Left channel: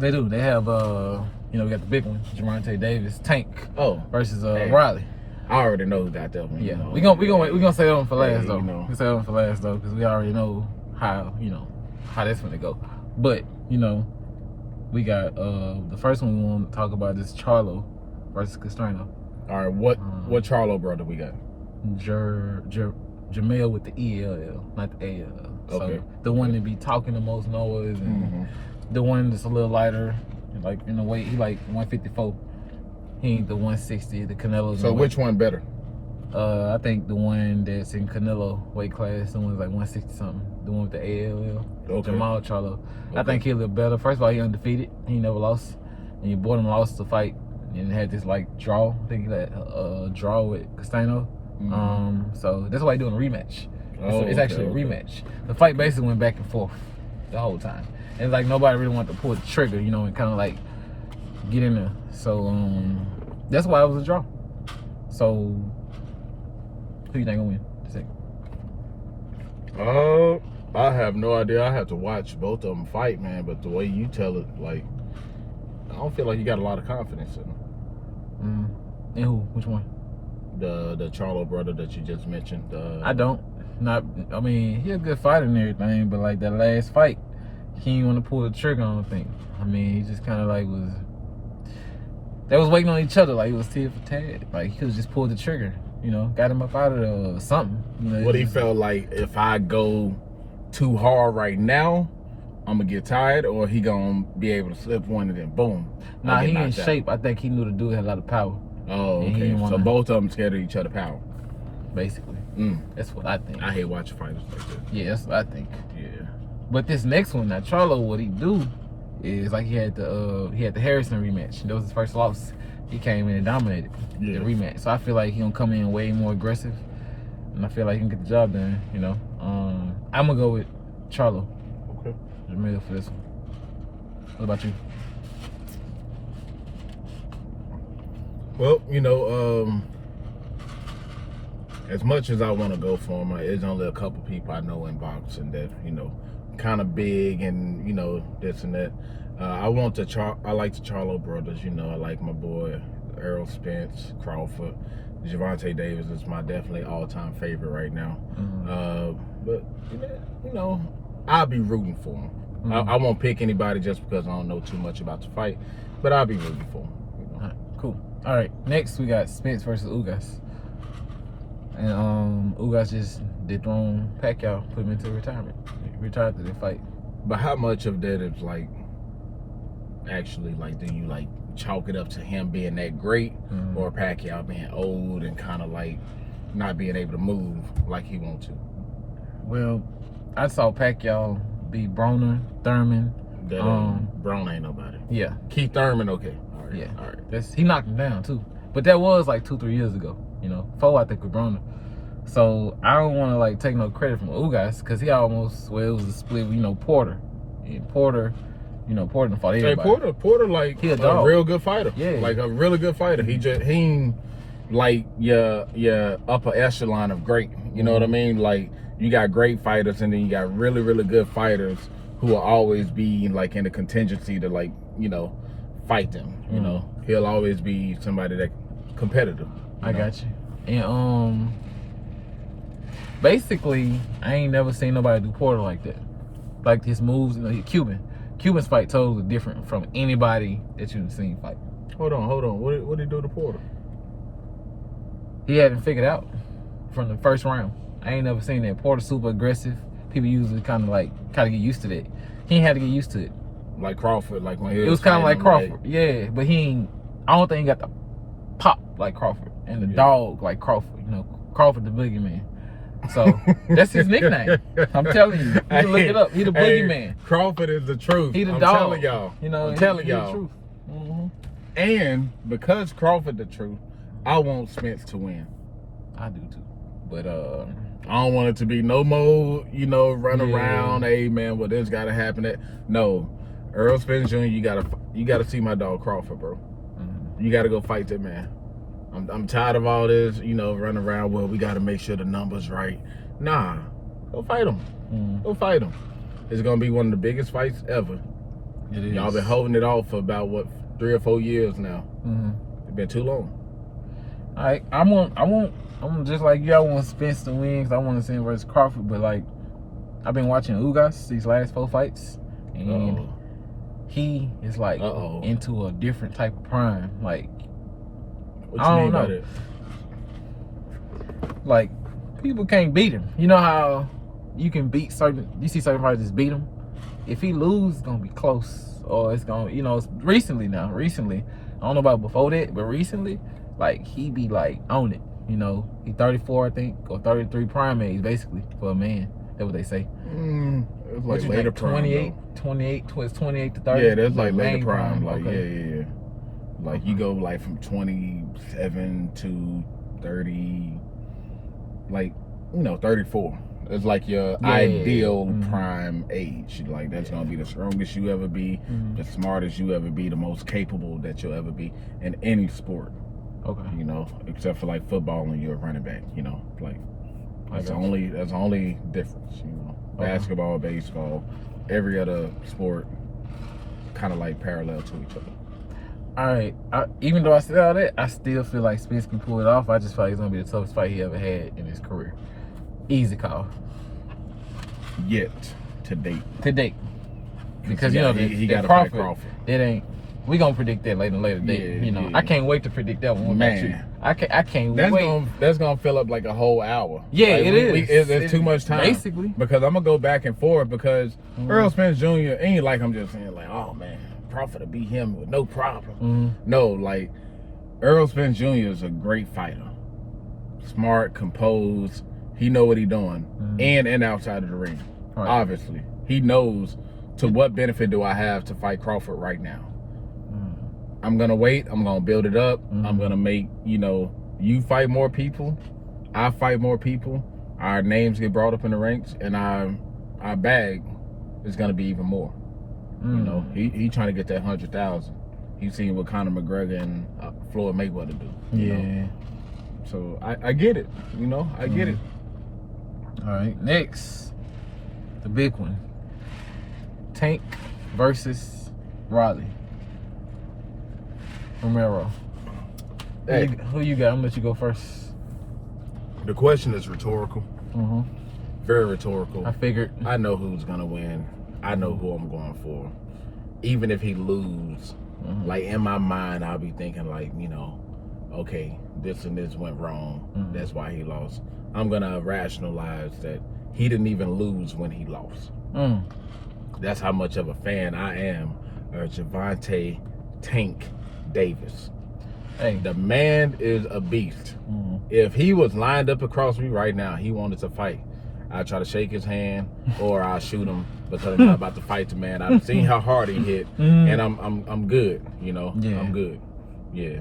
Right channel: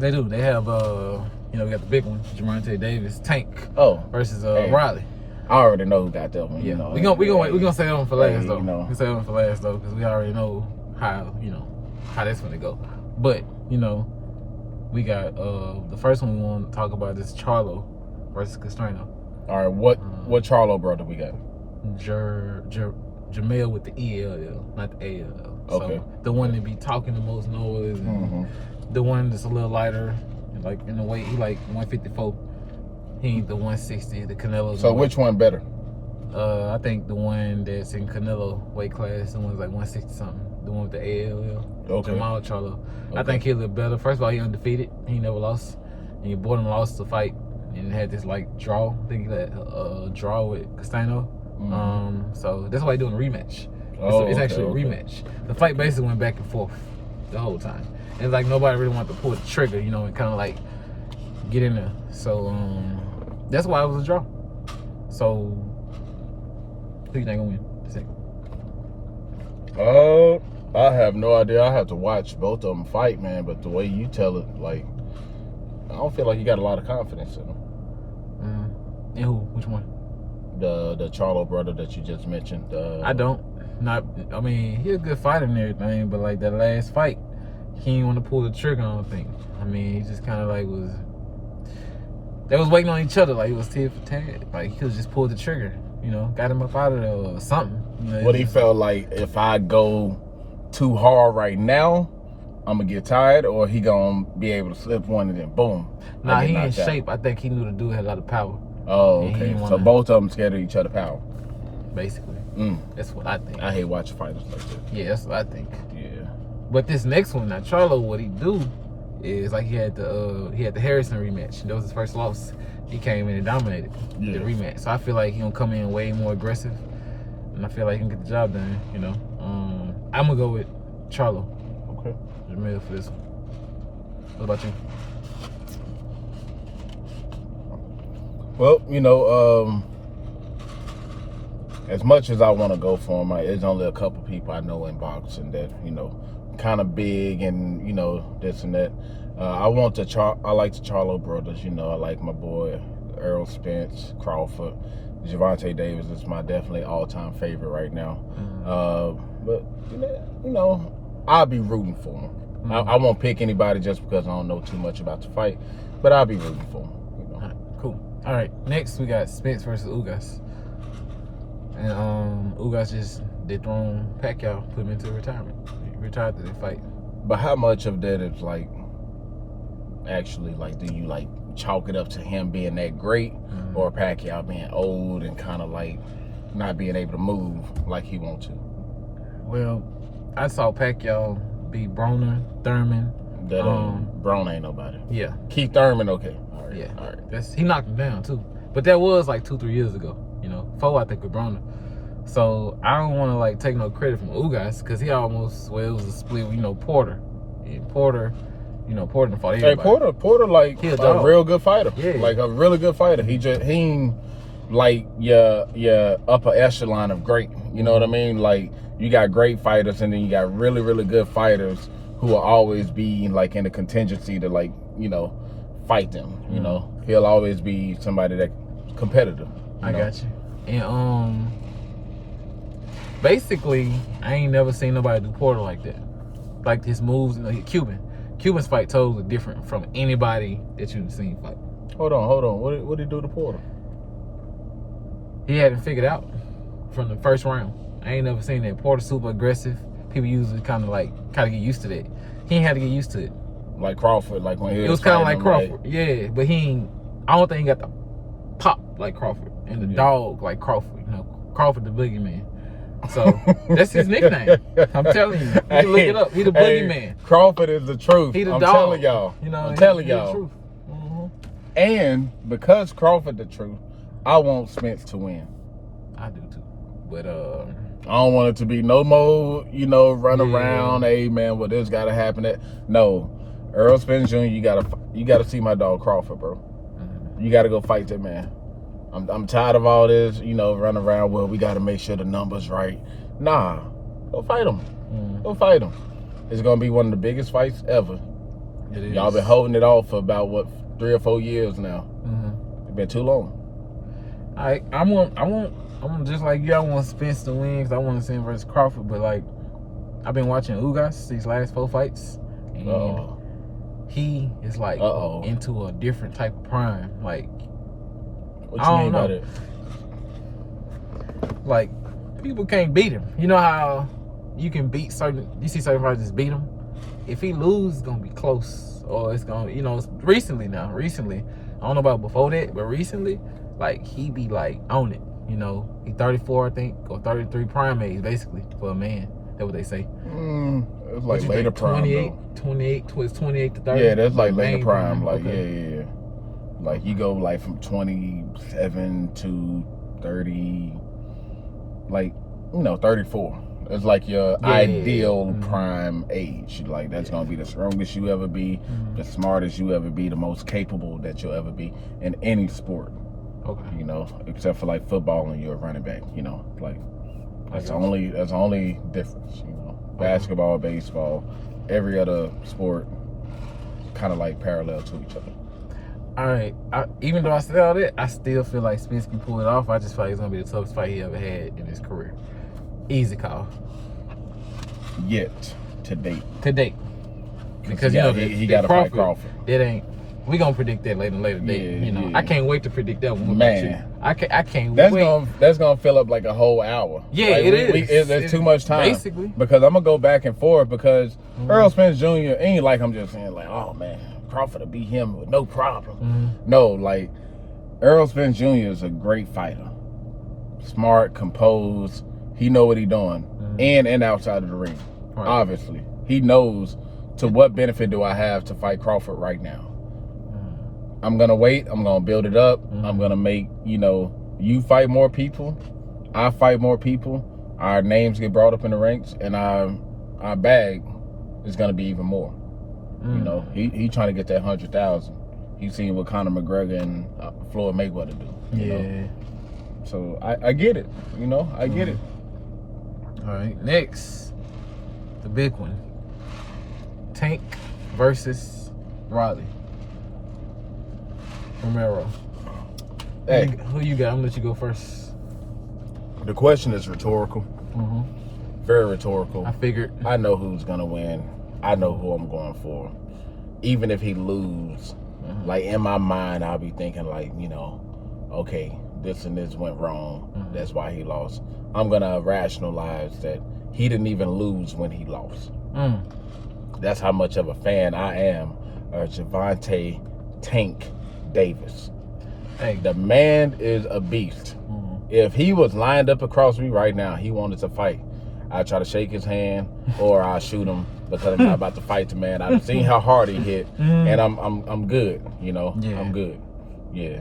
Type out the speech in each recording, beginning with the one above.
They do. They have, we got the big one, Gervonta Davis, Tank. Versus Riley. I already know who got that one. Yeah, you know. we gonna say that one for last though. You know. We say that one for last though, because we already know how that's gonna go. But we got the first one we want to talk about is Charlo versus Castano. All right, what Charlo brother we got? Jamel with the ELL, not the ALL. Okay. So the one that be talking the most noise, and the one that's a little lighter, like in the weight, he like 154. He ain't the 160, the Canelo's. So which one better? I think the one that's in Canelo weight class, the one's like 160 something. The one with the ALL. Okay. Jamal Charlo. Okay. I think he'll look better. First of all, he undefeated. He never lost. And your boy lost the fight and had this like draw. I think he had a draw with Castano. So that's why he's doing a rematch. It's actually a rematch. The fight basically went back and forth the whole time. And like nobody really wanted to pull the trigger, and kind of like get in there. So that's why it was a draw. So who you think gonna win the second? I have no idea. I have to watch both of them fight, man. But the way you tell it, like, I don't feel like you got a lot of confidence in them. And who? Which one? The Charlo brother that you just mentioned. I don't. I mean, he's a good fighter and everything, but like that last fight, he didn't want to pull the trigger, I don't think. I mean, he just kind of like was. They was waiting on each other, like it was tit for tat. Like he could have just pulled the trigger, got him up out of there or something. What he felt like, if I go too hard right now, I'm gonna get tired, or he gonna be able to slip one and then boom. Nah, he in shape. I think he knew the dude had a lot of power. Oh, okay. So both of them scared of each other power. Basically. That's what I think. I hate watching fighters like that. Yeah, that's what I think. Yeah. But this next one, now Charlo, what he do is like he had the Harrison rematch. That was his first loss. He came in and dominated the rematch. So I feel like he gonna come in way more aggressive, and I feel like he can get the job done. I'm gonna go with Charlo. Okay. Jamil for this one. What about you? Well, as much as I want to go for him, there's only a couple people I know in boxing that, kind of big and, this and that. I like the Charlo brothers, I like my boy Earl Spence, Crawford. Gervonta Davis is my definitely all-time favorite right now. But, I'll be rooting for him. I won't pick anybody just because I don't know too much about the fight, but I'll be rooting for him. All right, cool. All right, next we got Spence versus Ugas. And Ugas just dethroned Pacquiao, put him into retirement. He retired to the fight. But how much of that is like actually like, do you like chalk it up to him being that great, or Pacquiao being old and kind of like not being able to move like he wants to? Well, I saw Pacquiao beat Broner, Thurman. Broner ain't nobody. Yeah. Keith Thurman, okay. All right. Yeah. All right. He knocked him down too. But that was like 2-3 years ago. 4 I think with Broner. So I don't want to like take no credit from Ugas because he almost, it was a split with Porter. And Porter, Porter fought everybody. Hey, Porter like he a real good fighter. Yeah. Like a really good fighter. He ain't like your upper echelon of great. You know what I mean? Like you got great fighters and then you got really, really good fighters who will always be like in a contingency to like, fight them. He'll always be somebody that competitive. I got you. And basically, I ain't never seen nobody do Porter like that. Like his moves, Cuban's fight totally different from anybody that you've seen fight. Hold on. What did he do to Porter? He hadn't figured out from the first round. I ain't never seen that. Porter super aggressive. People usually kind of get used to that. He ain't had to get used to it. Like Crawford, like when he was kind of like Crawford. Yeah, but I don't think he got the pop like Crawford and the dog like Crawford. Crawford the boogeyman. So that's his nickname. I'm telling you. You can look it up. He the boogeyman. Crawford is the truth. He the I'm dog. Telling y'all. I'm telling y'all. The truth. And because Crawford the truth, I want Spence to win. I do too. But I don't want it to be no more, run around. Hey man, well this gotta happen. No, Earl Spence Jr. You gotta see my dog Crawford, bro. You gotta go fight that man. I'm tired of all this, run around. Well, we gotta make sure the numbers right. Nah, go fight him. Go fight him. It's gonna be one of the biggest fights ever. It is. Y'all been holding it off for about, what, 3 or 4 years now. It's been too long. All right, I want just like you. I want Spence to win because I want to see him versus Crawford. But like, I've been watching Ugas these last 4 fights, and he is like into a different type of prime. Like, What you mean by that? Like, people can't beat him. You know how you can beat you see certain fighters beat him. If he loses, it's gonna be close, or it's gonna, recently. I don't know about before that, but recently, like, he be like on it. He 34, I think, or 33 prime age, basically, for a man. That's what they say. It's like later prime. 28 towards 28 to 30. Yeah, that's like later prime. Like, okay. yeah. Like, you go like from 27 to 30, like, 34. It's like your ideal prime age. Like, that's gonna be the strongest you ever be, the smartest you ever be, the most capable that you'll ever be in any sport. Okay. Except for like football when you're a running back. Like, that's the only difference. Basketball, baseball, every other sport, kind of like parallel to each other. All right. Even though I said all that, I still feel like Spence can pull it off. I just feel like it's gonna be the toughest fight he ever had in his career. Easy call. Yet to date. Because he got to fight Crawford. That ain't. We gonna predict that later date. Yeah. I can't wait to predict that one. Man, I can't wait. That's gonna fill up like a whole hour. Yeah, like, it is. It's too much time, basically. Because I'm gonna go back and forth because Earl Spence Jr. ain't like I'm just saying like, oh man, Crawford to beat him with no problem. No, like, Earl Spence Jr. is a great fighter, smart, composed. He know what he doing, in and outside of the ring. Right. Obviously, he knows to what benefit do I have to fight Crawford right now. I'm gonna wait. I'm gonna build it up. I'm gonna make you fight more people, I fight more people. Our names get brought up in the ranks, and our bag is gonna be even more. He trying to get that 100,000. He seen what Conor McGregor and Floyd Mayweather do. You know? So I get it. I get it. All right, next, the big one: Tank versus Riley. Romero. Hey. Who you got? I'm gonna let you go first. The question is rhetorical. Very rhetorical. I figured. I know who's gonna win. I know who I'm going for. Even if he lose, like, in my mind, I'll be thinking like, okay, this and this went wrong. That's why he lost. I'm gonna rationalize that he didn't even lose when he lost. That's how much of a fan I am of Gervonta Tank Davis. Hey, the man is a beast. If he was lined up across me right now, he wanted to fight, I'd try to shake his hand or I'll shoot him because I'm not about to fight the man. I've seen how hard he hit, and I'm good. I'm good. Yeah.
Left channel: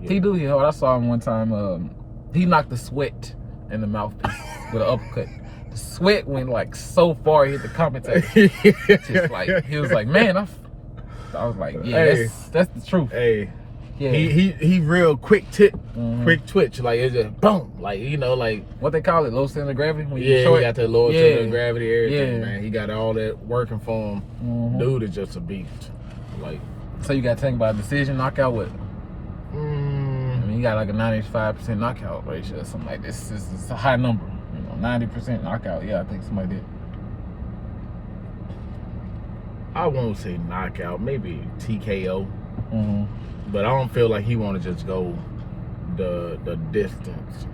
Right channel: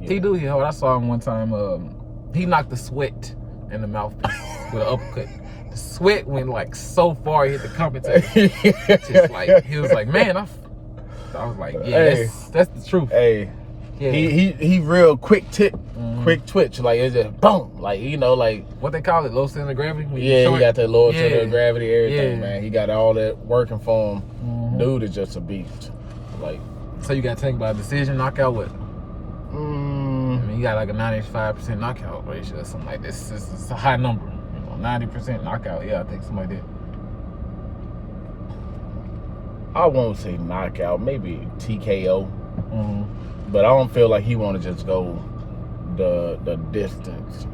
He do hit hard. I saw him one time. He knocked the sweat in the mouthpiece with an uppercut. The sweat went like so far, he hit the commentator. Just like, he was like, man, I was like, yeah, hey, that's the truth. Hey, yeah. He real quick twitch. Like, it's just boom. Like, like what they call it, low center of gravity. When he got that low center of gravity, everything, man. He got all that working for him. Dude is just a beast. Like, so you got taken by a decision knockout with? I mean, you got like a 95% knockout ratio or something like this. It's a high number. 90% knockout. Yeah, I think somebody did. I won't say knockout, maybe TKO. But I don't feel like he want to just go the distance.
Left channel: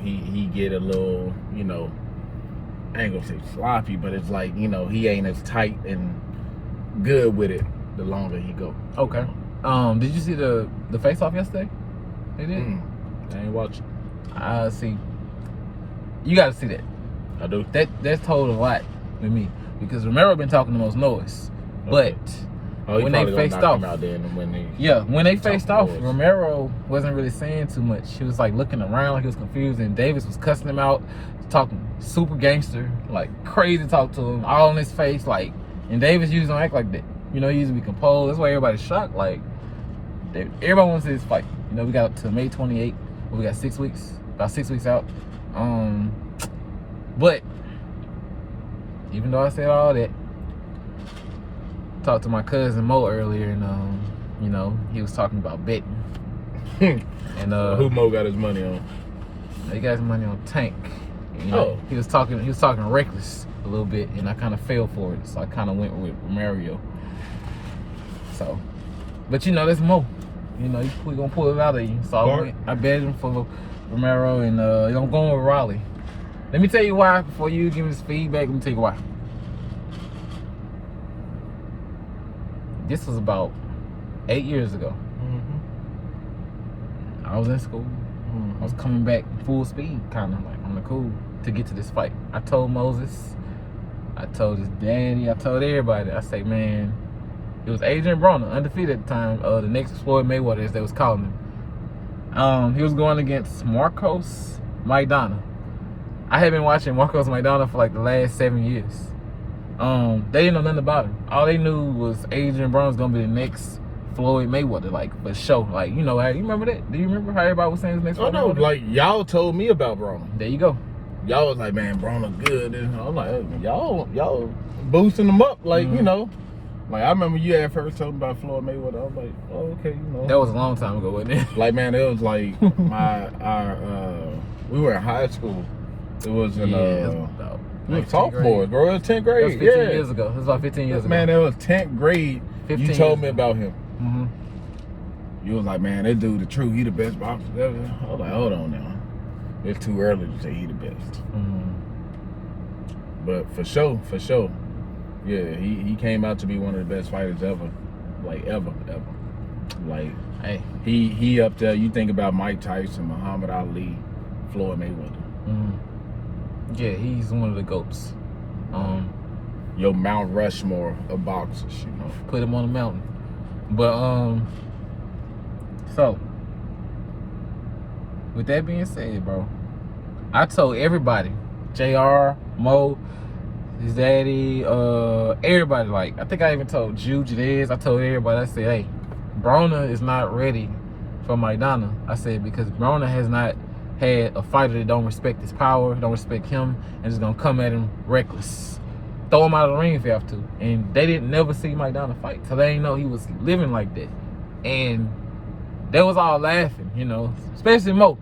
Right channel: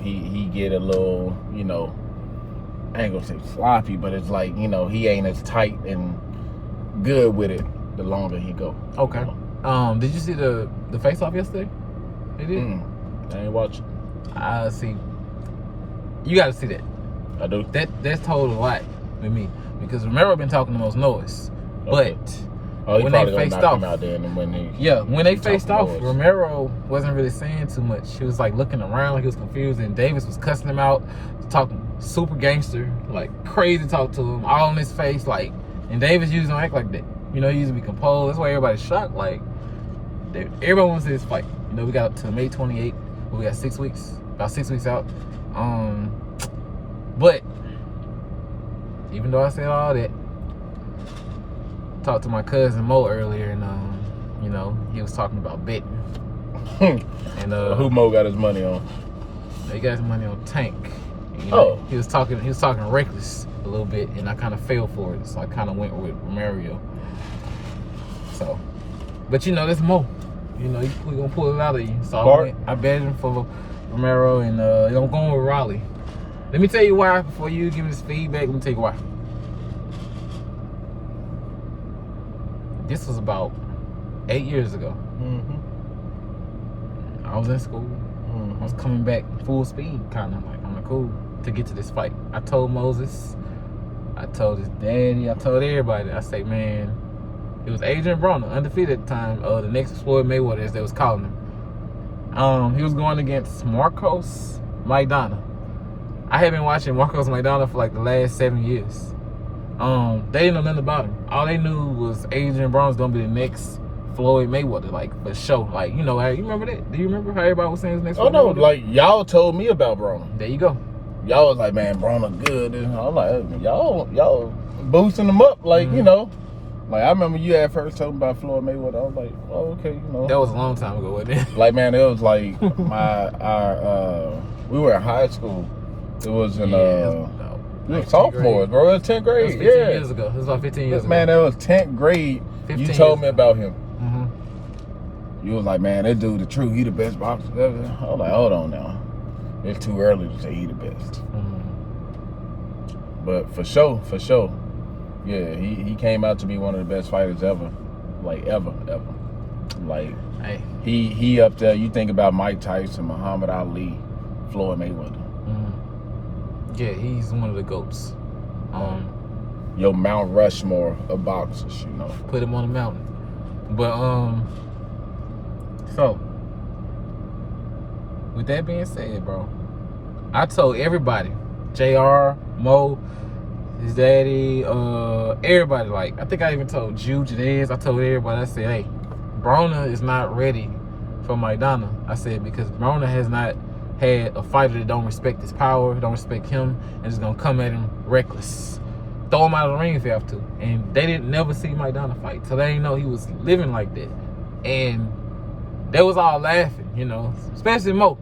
He get a little, I ain't gonna say sloppy, but it's like, he ain't as tight and good with it the longer he go. Okay. Did you see the face-off yesterday? They did? I ain't watch it. See. You gotta see that. I do. That's told a lot with me because Romero been talking the most noise, but when they faced off, when they faced off, Romero wasn't really saying too much. He was like looking around, like he was confused, and Davis was cussing him out, talking super gangster, like crazy talk to him, all in his face, like. And Davis usually don't act like that. He usually be composed. That's why everybody's shocked. Like, everybody wants to see this fight. We got to May 28th. We got 6 weeks, about 6 weeks out. But even though I said all that, talked to my cousin Mo earlier, and you know, he was talking about betting. And who Mo got his money on? He got his money on Tank. You know, he was talking reckless a little bit, and I kind of fell for it, so I kind of went with Romero. So, but you know, that's Mo. You know, we gonna pull it out of you. So I bet him for Romero, and I'm going with Raleigh. Let me tell you why before you give me this feedback. Let me tell you why. This was about 8 years ago. Mm-hmm. I was in school. I was coming back full speed, kind of like on the cool, to get to this fight. I told Moses, I told his daddy, I told everybody. I say, man, it was Adrian Broner, undefeated at the time, the next Floyd Mayweather, as they was calling him. He was going against Marcos Maidana. I had been watching Marcos Maidana for like the last 7 years. They didn't know nothing about him. All they knew was Adrian Broner was gonna be the next Floyd Mayweather, like, for sure. Like, you know, you remember that? Do you remember how everybody was saying his next Floyd no, Mayweather? like, y'all told me about Broner. There you go. Y'all was like, man, Broner good. And I'm like, y'all boosting him up, like, you know. Like, I remember you had first told me about Floyd Mayweather. I was like, oh, okay, you know. That was a long time ago, wasn't it? Like, man, it was like we were in high school. It was in sophomore, bro. It was 10th grade. That was 15 years ago. It was about 15 years ago. Man, that was 10th grade. 15 you told years me ago. about him. Mm-hmm. You was like, man, that dude the truth. He the best boxer ever. I was like, hold on now. It's too early to say he the best. But for sure. Yeah, he came out to be one of the best fighters ever. Like, ever. Like, hey, he up there. You think about Mike Tyson, Muhammad Ali, Floyd Mayweather. Yeah, he's one of the GOATs. Your Mount Rushmore of boxers, you know. Put him on the mountain. But so with that being said, bro, I told everybody, JR, Mo, his daddy, everybody, like, I think I even told Jude, Janez, I told everybody, I said, hey, Broner is not ready for Maidana. I said, because Broner has not had a fighter that don't respect his power, don't respect him, and is gonna come at him reckless. Throw him out of the ring if you have to. And they didn't never see Maidana fight, so they didn't know he was living like that. And they was all laughing, you know, especially Mo.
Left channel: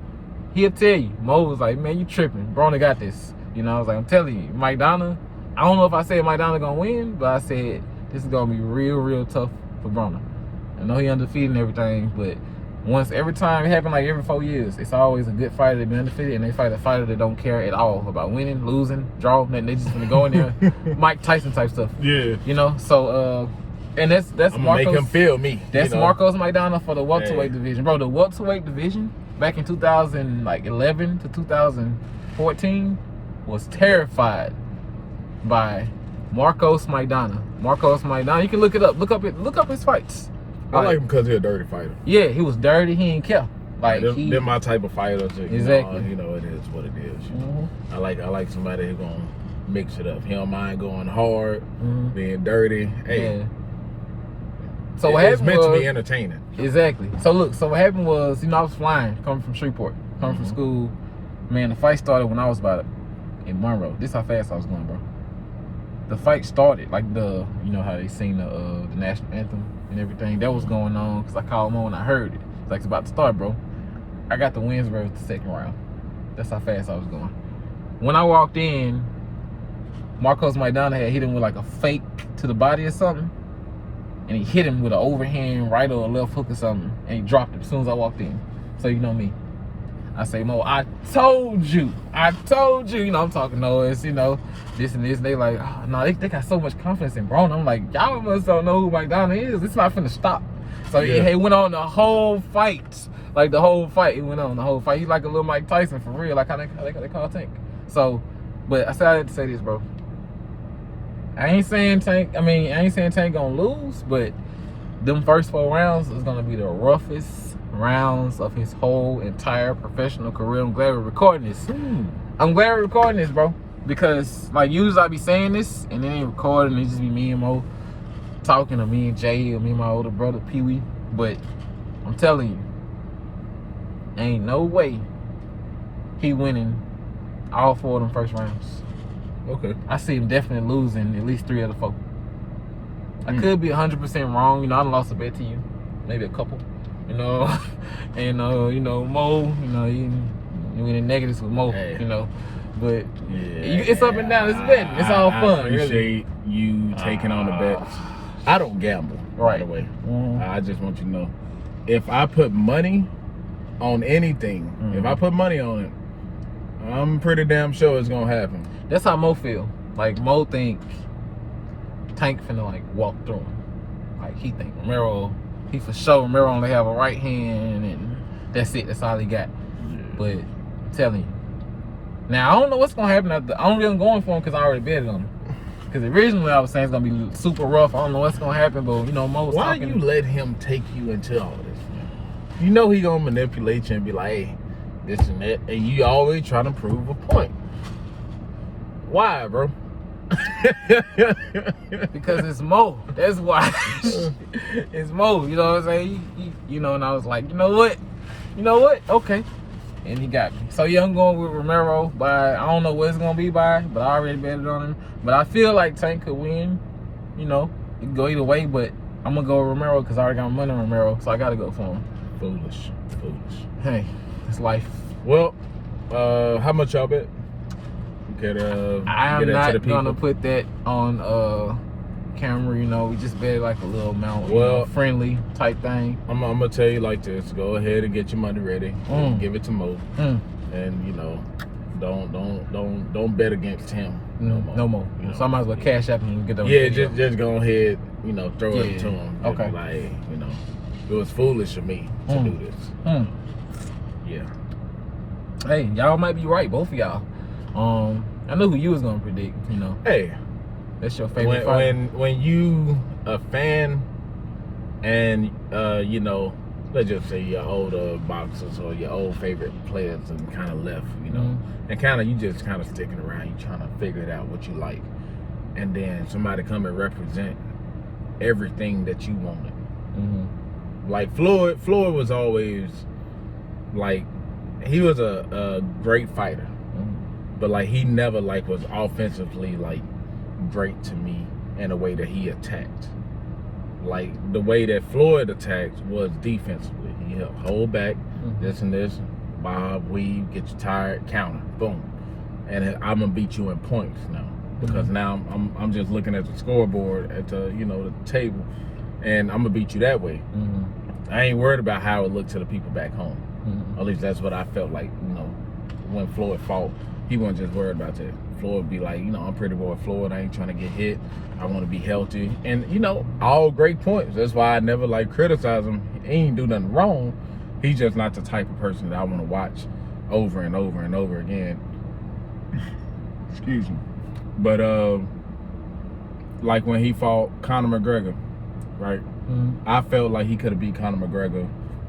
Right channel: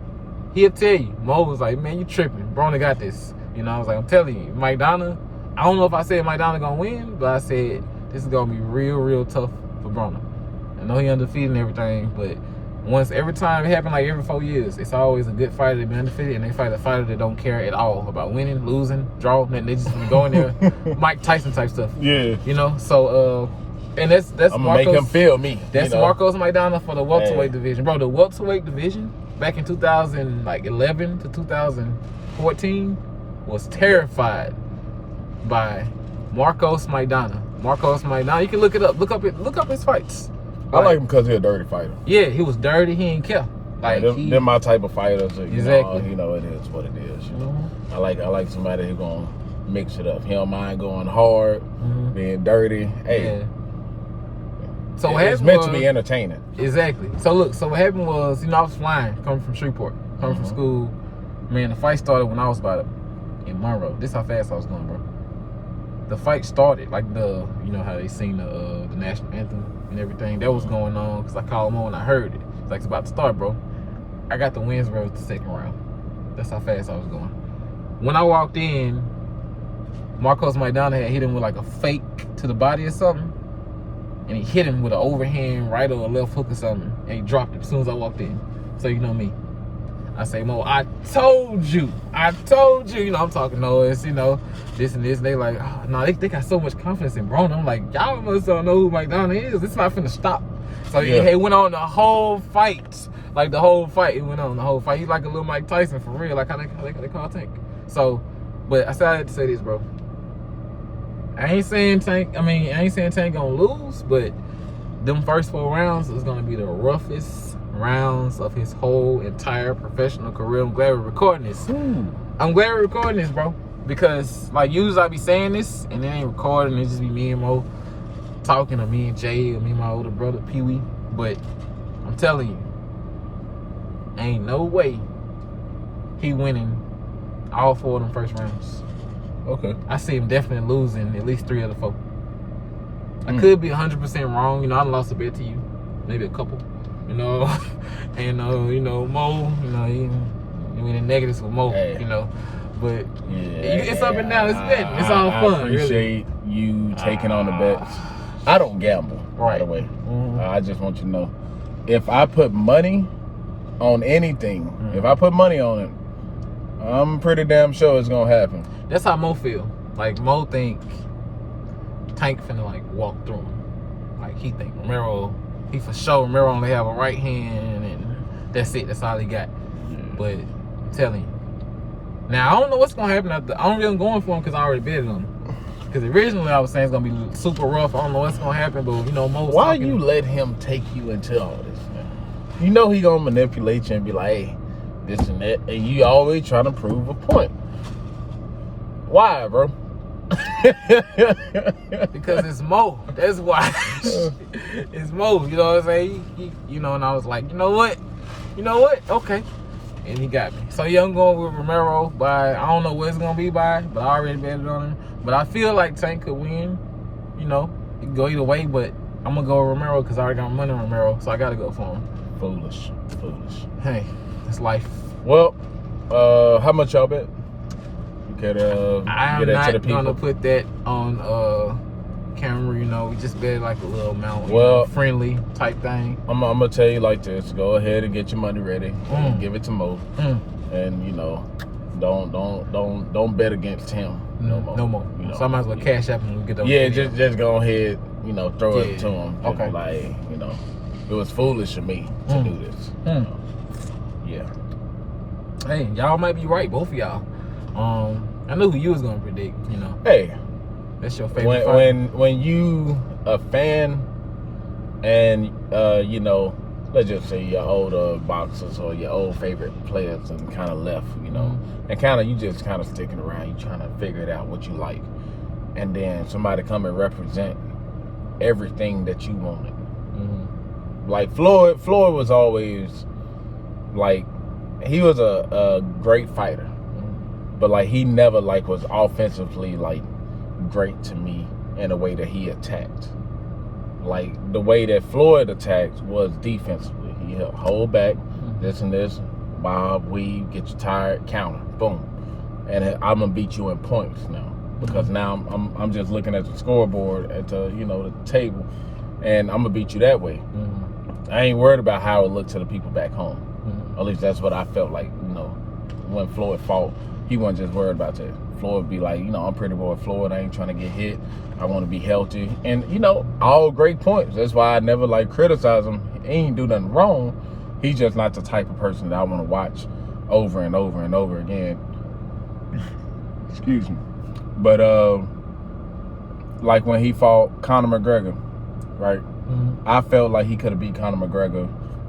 He'll tell you. Mo was like, man, you tripping. Broner got this. You know, I was like, I'm telling you, Maidana, I don't know if I said Maidana gonna win, but I said this is gonna be real tough for Broner. I know he undefeated and everything, but every time it happened, like every 4 years, it's always a good fighter to be undefeated, and they fight a fighter that don't care at all about winning, losing, draw, nothing. They just gonna go in there, Mike Tyson type stuff. Yeah. You know, so and that's I'm gonna Marcos, make him feel me. That's, you know, Marcos Maidana for the welterweight division, bro. The welterweight division back in 2011 to 2014 was terrified by Marcos Maidana. Marcos Maidana, you can look it up. Look up his fights. I like him because he's a dirty fighter. Yeah, he was dirty. He ain't care. Like, they're my type of fighters. Exactly. You know, it is what it is. You know? I like somebody who's gonna mix it up. He don't mind going hard, being dirty. Hey. Yeah. So what happened meant to be entertaining. Exactly. So look, so what happened was, you know, I was flying, coming from Shreveport, coming from school. Man, the fight started when I was about in Monroe. This how fast I was going, bro. The fight started, like you know how they sing the national anthem and everything. That was going on, because I called him on when I heard it. It's like, it's about to start, bro. I got the wins rose the second round. That's how fast I was going. When I walked in, Marcos Maidana had hit him with like a fake to the body or something. And he hit him with an overhand right or a left hook or something. And he dropped it as soon as I walked in. So you know me. I say, Mo, I told you. You know, I'm talking noise, you know, this and this. And they like, oh, no, they got so much confidence in Broner. I'm like, y'all must don't know who Maidana is. It's not finna stop. So it went on the whole fight. Like the whole fight, it went on the whole fight. He's like a little Mike Tyson for real, like how they call Tank. So, but I had to say this, bro. I ain't saying Tank gonna lose, but them first 4 rounds is gonna be the roughest rounds of his whole entire professional career. I'm glad we're recording this. I'm glad we're recording this, bro, because like usually I be saying this and then they record and it just be me and Mo talking, or me and Jay, or me and my older brother Pee Wee. But I'm telling you, ain't no way he winning all 4 of them first rounds. Okay. I see him definitely losing at least 3 of the 4. I could be 100% wrong. You know, I done lost a bet to you, maybe a couple. You know, and you know, Mo. You know, you in the negatives with Mo. Hey. You know, but Yeah, it's up and down. It's betting. It's all fun. I appreciate you taking on the bets. I don't gamble, right? By the way, I just want you to know, if I put money on anything, if I put money on it, I'm pretty damn sure it's gonna happen. That's how Mo feel. Like Mo think Tank finna like walk through him. Like he think Romero, he for sure Romero only have a right hand and that's it. That's all he got. But I'm telling you. Now I don't know what's gonna happen after. I don't really going for him because I already betted on him. Because originally I was saying it's gonna be super rough. I don't know what's gonna happen, but you know Mo's why talking. You let him take you into all this? Man? You know he gonna manipulate you and be like, hey, this and that, and you always trying to prove a point. Why, bro? Because it's Mo. That's why. It's Mo. You know what I'm saying? You know, and I was like, you know what? Okay. And he got me. So yeah, I'm going with Romero by, I don't know what it's gonna be by, but I already betted on him. But I feel like Tank could win. You know, it can go either way, but I'm gonna go with Romero because I already got my money on Romero, so I gotta go for him. Foolish. Hey, it's life. Well, how much y'all bet? I'm not gonna put that on camera. You know, we just bet like a little amount, friendly type thing. I'm gonna tell you like this: go ahead and get your money ready. Give it to Mo, and you know, don't bet against him. No more. You know, so I might as well cash up and get those. Yeah, just go ahead. You know, throw it to him. Okay. Like, you know, it was foolish of me to do this. Yeah. Hey, y'all might be right, both of y'all. I know who you was gonna predict. You know. Hey, that's your favorite fighter. When you a fan, and you know, let's just say your older boxers or your old favorite players and kind of left, you know, and kind of you just kind of sticking around, you trying to figure it out what you like, and then somebody come and represent everything that you wanted. Like Floyd was always like, he was a great fighter, but like he never like was offensively like great to me in a way that he attacked. Like the way that Floyd attacked was defensively. He hold back, this and this, bob, weave, get you tired, counter, boom, and I'm gonna beat you in points now because now I'm just looking at the scoreboard at the the table, and I'm gonna beat you that way. I ain't worried about how it looked to the people back home. At least that's what I felt like. When Floyd fought, he wasn't just worried about that. Floyd would be like, I'm pretty boy Floyd. I ain't trying to get hit. I want to be healthy. And, all great points. That's why I never, criticize him. He ain't do nothing wrong. He's just not the type of person that I want to watch over and over and over again. Excuse me. But, like when he fought Conor McGregor, right? I felt like he could have beat Conor McGregor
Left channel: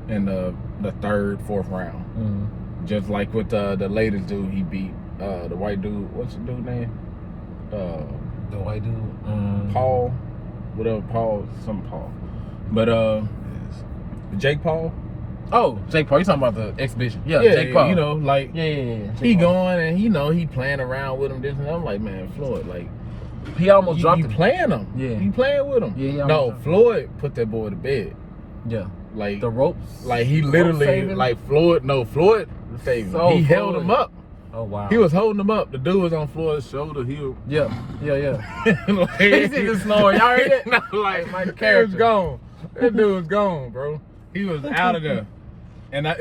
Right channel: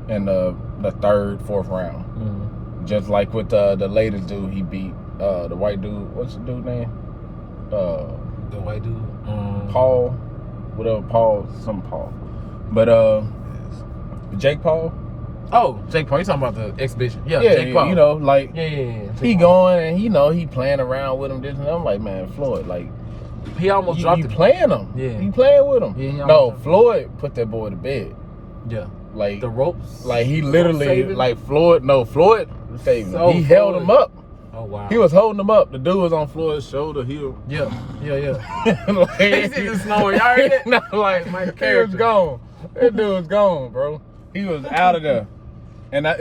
in the third, fourth round. Just like with the latest dude he beat, the white dude. What's the dude name? The white dude. Paul. Whatever, Paul. But Jake Paul. Oh, Jake Paul. You talking about the exhibition? Yeah, Jake Paul. Yeah. He going and he playing around with him. This and that. I'm like, man, Floyd, like. He almost dropped him. Playing him. Yeah. You playing with him. Yeah, no, Floyd put that boy to bed. Yeah. Like the ropes. Like he literally, Floyd saved him. He held him up. Oh wow. He was holding him up. The dude was on Floyd's shoulder. Yeah. Like, he's in the snoring. Y'all heard it? No, like my character was gone. That dude was gone, bro. He was out of there. And